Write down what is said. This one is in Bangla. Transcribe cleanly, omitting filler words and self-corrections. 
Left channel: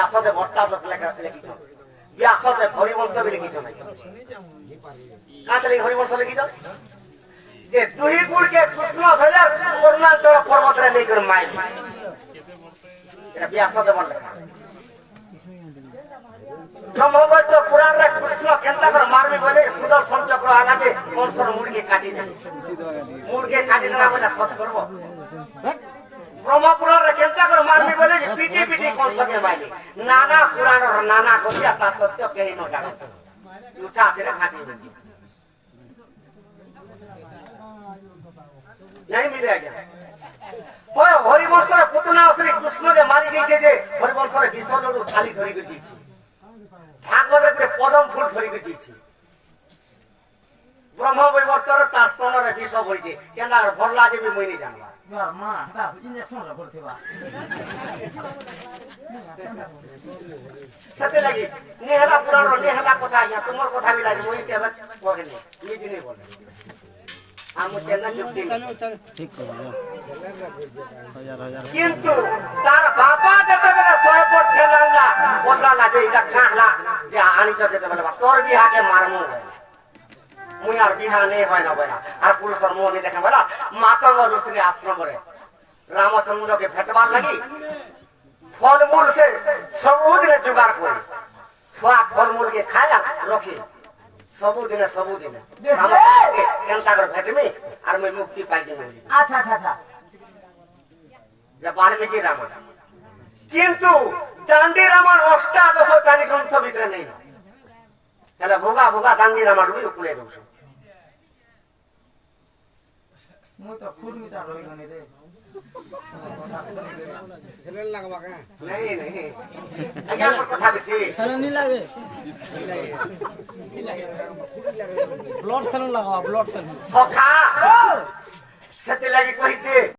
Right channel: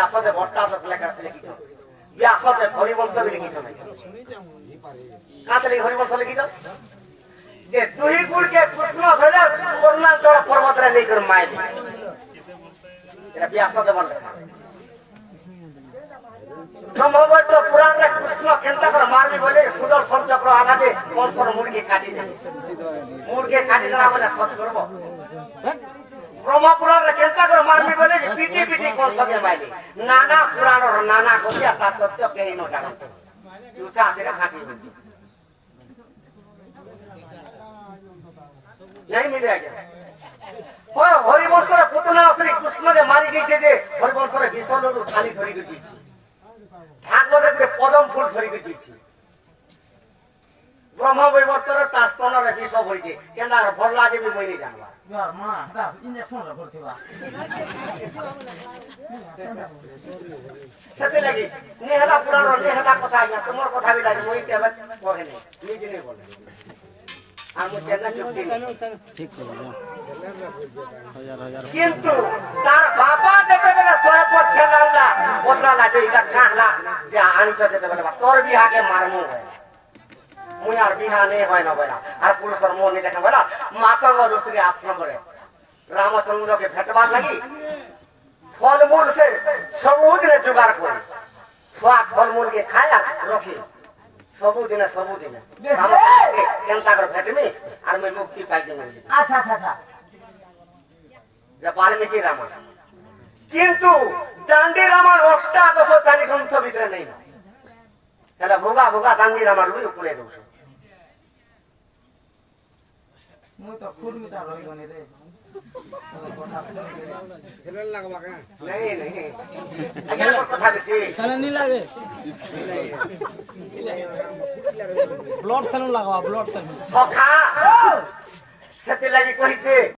ব্যাসতে ভট্টাদশ লিখিত ব্যাসতে হরিবংশ লিখিত নাই কাতলি হরিবংশ লিখিত যে দুই গুড়কে কৃষ্ণ ধরে করুণাচল পর্বতরে নেই করে মাইল এটা ব্যাসতে বলে ব্রহ্মবৈদ্য পুরাণে কৃষ্ণ কেন্দ্র করে মারবি বলে সুদর্শন চক্র আঘাতে কংসর মুড়কে কাটি দেবে মুড়কে কাটি না বলে সৎ করবো ব্রহ্মপুরাণে কেন্দ্র করে মারবি বলে পিটি পিটি কংসকে মাইলি নানা পুরাণর নানা কথা তার তত্ত্ব কেই ন জানো তুই চাঁদের কাটি नहीं मिले आज्ञा हरिवंशर पुतना श्री कृष्ण के मारी जाइए जे हरिवंशर विषल थाली धरी कर दीची भागवत रे पदम फूल धरी कर दीची ब्रह्म वैवर्तर तास्तन रे विष भरिजे केना भरला जे भी मइनी जानबा यार मां दा इंजेक्शन रे भरथिबा सते लगी नेहला पुराण रे नेहला कथा आज्ञा तुमर कथा भी लागी मोई केबे कहे नहीं निज नहीं बोले কিন্তু তার বাবা যেতে বলে সয়ে পড়ছে লাল্লা বদলা যে এটা কাহলা যে আনিছ যেতে বলে তোর বিহাকে মারমু মুই আর বিহা নেই হয় না বলা আর পুরুষের মোহ নেই দেখা বলা মাতঙ্গ ঋষি আশ্রম করে রামচন্দ্রকে ভেটবার লাগি ফলমূল সে সবুদিনে জোগাড় করে ছোয়া ফলমূলকে খায় রখে सबुदिने केनता कर भेटमी और मैं मुक्ति पाई जने अच्छा अच्छा अच्छा वाल्मीकि रामायण किंतु दांडी रामायण 8 ग्रंथ भितर नहीं हेला भोगा भोगा दांडी रामायण भी उपले दउछ मु तो खुद मिटा रही गने रे सेलन लगवा का नहीं नहीं आज्ञा को कथा बेसी सेलन नहीं लागे ब्लड सेलन लगवा ब्लड सेलन सखा सेते लागि कहिते